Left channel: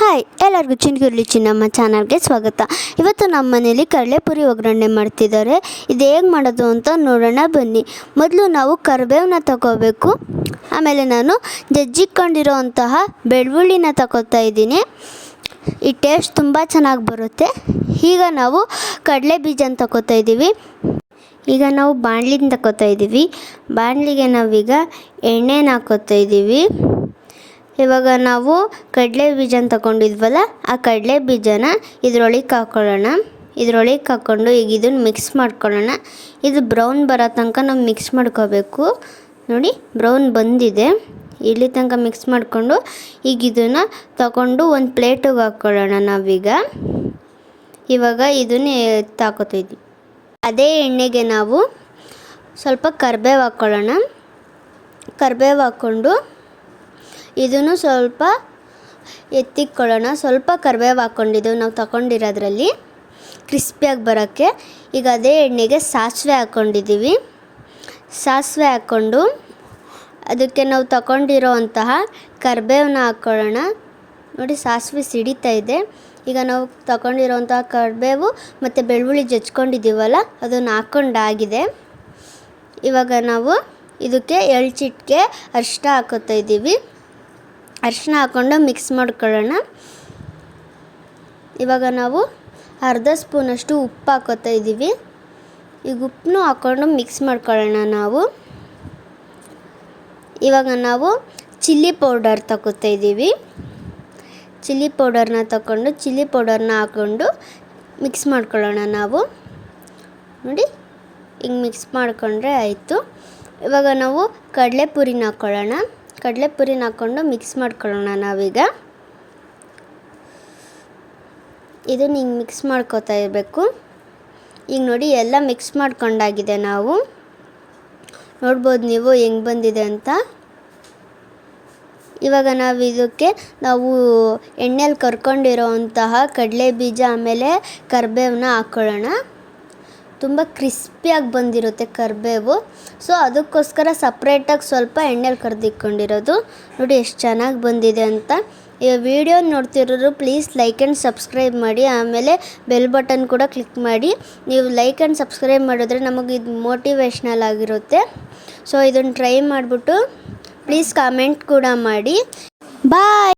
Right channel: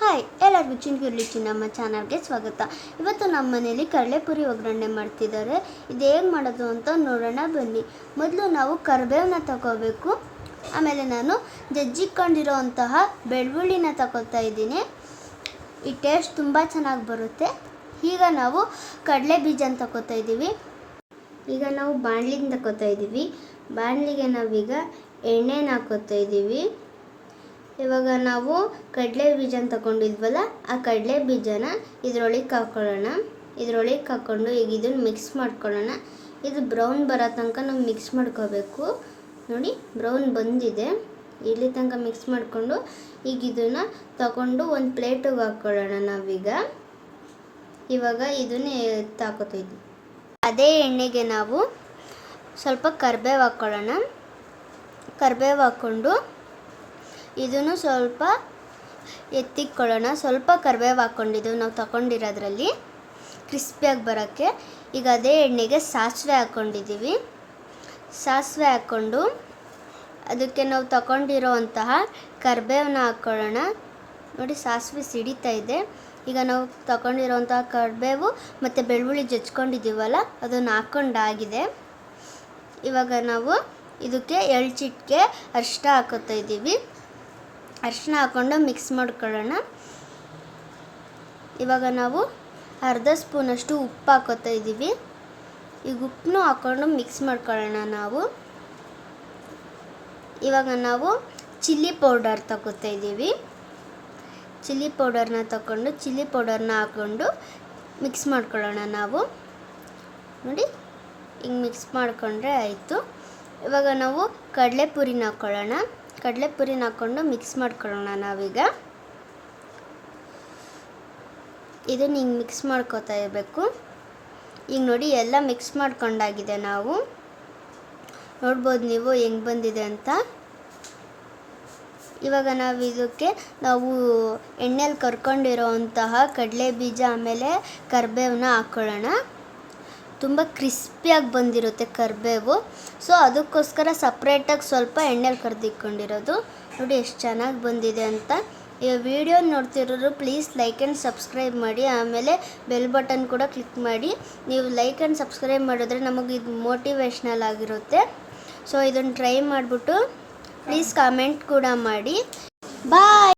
Hi ಎಲ್ಲರಿಗೂ ಚಿನ್ಗುರ್ಲಿ ಚಿನ್ನಮ್ಮ ಚಾನಲ್ಗೆ ಸ್ವಾಗತ. ಇವತ್ತು ನಮ್ಮ ಮನೇಲಿ ಕಡಲೆಪುರಿ ಒಗ್ಗರಣೆ ಮಾಡ್ತಿದ್ದಾರೆ. ಇದು ಹೇಗೆ ಮಾಡೋದು ಅಂತ ನೋಡೋಣ ಬನ್ನಿ. ಮೊದಲು ನಾವು ಕರಿಬೇವನ್ನ ತಗೋಬೇಕು. ಆಮೇಲೆ ನಾನು ಜಜ್ಜಿಕೊಂಡಿರೋ ಅಂತಹ ಬೆಳ್ಳುಳ್ಳಿನ ತಗೋತಾ ಇದ್ದೀನಿ. ಈ ಟೇಸ್ಟ್ ತುಂಬ ಚೆನ್ನಾಗಿ ಬರುತ್ತೆ. ಈಗ ನಾವು ಕಡಲೆ ಬೀಜನ ತಗೋತಾ ಇದ್ದೀವಿ. ಈಗ ನಾವು ಬಾಣಲಿನ ತಗೋತಾ ಇದ್ದೀವಿ. ಬಾಣಲಿಗೆ ನಾವೀಗ ಎಣ್ಣೆನ ಹಾಕೋತಾ ಇದ್ದೀವಿ. ಇವಾಗ ನಾವು ಕಡಲೆ ಬೀಜನ ತಗೊಂಡಿದ್ವಲ್ಲ, ಆ ಕಡಲೆ ಬೀಜನ ಇದರೊಳಗೆ ಹಾಕ್ಕೊಳ್ಳೋಣ. ಇದರೊಳಗೆ ಹಾಕ್ಕೊಂಡು ಈಗ ಇದನ್ನು ಮಿಕ್ಸ್ ಮಾಡ್ಕೊಳ್ಳೋಣ. ಇದು ಬ್ರೌನ್ ಬರೋ ತನಕ ನಾವು ಮಿಕ್ಸ್ ಮಾಡ್ಕೋಬೇಕು. ನೋಡಿ, ಬ್ರೌನ್ ಬಂದಿದೆ. ಇಲ್ಲಿ ತನಕ ಮಿಕ್ಸ್ ಮಾಡಿಕೊಂಡು ಈಗ ಇದನ್ನು ತಗೊಂಡು ಒಂದು ಪ್ಲೇಟಿಗೆ ಹಾಕ್ಕೊಳ್ಳೋಣ. ನಾವೀಗ ಇವಾಗ ಇದನ್ನು ಹಾಕೋತಿದ್ವಿ. ಅದೇ ಎಣ್ಣೆಗೆ ನಾವು ಸ್ವಲ್ಪ ಕರಿಬೇವು ಹಾಕ್ಕೊಳ್ಳೋಣ. ಕರಿಬೇವು ಹಾಕ್ಕೊಂಡು ಇದನ್ನು ಸ್ವಲ್ಪ ಎತ್ತಿಕ್ಕೊಳ್ಳೋಣ. ಸ್ವಲ್ಪ ಕರಿಬೇವು ಹಾಕ್ಕೊಂಡಿದ್ದು ನಾವು ತಗೊಂಡಿರೋದ್ರಲ್ಲಿ ಕ್ರಿಸ್ಪಿಯಾಗಿ ಬರೋಕ್ಕೆ. ಈಗ ಅದೇ ಎಣ್ಣೆಗೆ ಸಾಸಿವೆ ಹಾಕ್ಕೊಂಡಿದ್ದೀವಿ. ಸಾಸಿವೆ ಹಾಕ್ಕೊಂಡು ಅದಕ್ಕೆ ನಾವು ತಗೊಂಡಿರೋ ಅಂತಹ ಕರಿಬೇವನ್ನ ಹಾಕ್ಕೊಳ್ಳೋಣ. ನೋಡಿ, ಸಾಸಿವೆ ಸಿಡಿತಾ ಇದೆ. ಈಗ ನಾವು ತಗೊಂಡಿರೋಂತಹ ಕರಿಬೇವು ಮತ್ತು ಬೆಳ್ಳುಳ್ಳಿ ಜಜ್ಕೊಂಡಿದ್ದೀವಲ್ಲ, ಅದನ್ನು ಹಾಕ್ಕೊಂಡಾಗಿದೆ. ಇವಾಗ ನಾವು ಇದಕ್ಕೆ ಚಿಟಿಕೆ ಅರಿಶಿನ ಹಾಕೋತಾ ಇದ್ದೀವಿ. ಅರಿಶಿನ ಹಾಕ್ಕೊಂಡು ಮಿಕ್ಸ್ ಮಾಡ್ಕೊಳ್ಳೋಣ. ಇವಾಗ ನಾವು ಅರ್ಧ ಸ್ಪೂನಷ್ಟು ಉಪ್ಪು ಹಾಕೋತಾ ಇದ್ದೀವಿ. ಈಗ ಉಪ್ಪನ್ನು ಹಾಕ್ಕೊಂಡು ಮಿಕ್ಸ್ ಮಾಡ್ಕೊಳ್ಳೋಣ ನಾವು. ಇವಾಗ ನಾವು ಚಿಲ್ಲಿ ಪೌಡರ್ ತಗೋತಾ ಇದ್ದೀವಿ. ಚಿಲ್ಲಿ ಪೌಡರ್ನ ತಗೊಂಡು ಚಿಲ್ಲಿ ಪೌಡರ್ನ ಹಾಕ್ಕೊಂಡು ಮಿಕ್ಸ್ ಮಾಡ್ಕೊಳ್ಳೋಣ ನಾವು. ನೋಡಿ, ಹಿಂಗೆ ಮಿಕ್ಸ್ ಮಾಡಿಕೊಂಡ್ರೆ ಆಯಿತು. ಇವಾಗ ನಾವು ಕಡಲೆಪುರಿನ ಹಾಕ್ಕೊಳ್ಳೋಣ. ಕಡಲೆಪುರಿನ ಹಾಕ್ಕೊಂಡು ಮಿಕ್ಸ್ ಮಾಡ್ಕೊಳ್ಳೋಣ ನಾವೀಗ. ಇದನ್ನು ಹಿಂಗೆ ಮಿಕ್ಸ್ ಮಾಡ್ಕೋತಾ ಇರಬೇಕು. ಈಗ ನೋಡಿ, ಎಲ್ಲ ಮಿಕ್ಸ್ ಮಾಡ್ಕೊಂಡಾಗಿದೆ. ನಾವು ನೋಡ್ಬೋದು ನೀವು ಹೆಂಗೆ ಬಂದಿದೆ ಅಂತ. ಇವಾಗ ನಾವು ಇದಕ್ಕೆ ಎಣ್ಣೆಲಿ ಕರ್ಕೊಂಡಿರೋ ಅಂತಹ ಕಡಲೆ ಬೀಜ ಆಮೇಲೆ ಕರಿಬೇವನ್ನ ಹಾಕ್ಕೊಳ್ಳೋಣ. ತುಂಬ ಕ್ರಿಸ್ಪಿಯಾಗಿ ಬಂದಿರುತ್ತೆ ಕರಿಬೇವು. ಸೊ ಅದಕ್ಕೋಸ್ಕರ ಸಪ್ರೇಟಾಗಿ ಸ್ವಲ್ಪ ಎಣ್ಣೆಲಿ ಕರೆದಿಟ್ಕೊಂಡಿರೋದು. ನೋಡಿ ಎಷ್ಟು ಚೆನ್ನಾಗಿ ಬಂದಿದೆ ಅಂತ. ಈ ವಿಡಿಯೋ ನೋಡ್ತಿರೋರು ಪ್ಲೀಸ್ ಲೈಕ್ ಆ್ಯಂಡ್ ಸಬ್ಸ್ಕ್ರೈಬ್ ಮಾಡಿ. ಆಮೇಲೆ ಬೆಲ್ ಬಟನ್ ಕೂಡ ಕ್ಲಿಕ್ ಮಾಡಿ. ನೀವು ಲೈಕ್ ಆ್ಯಂಡ್ ಸಬ್ಸ್ಕ್ರೈಬ್ ಮಾಡಿದ್ರೆ ನಮಗೆ ಇದು ಮೋಟಿವೇಶ್ನಲ್ ಆಗಿರುತ್ತೆ. ಸೊ ಇದನ್ನು ಟ್ರೈ ಮಾಡಿಬಿಟ್ಟು ಪ್ಲೀಸ್ ಕಾಮೆಂಟ್ ಕೂಡ ಮಾಡಿ. ಬಾಯ್.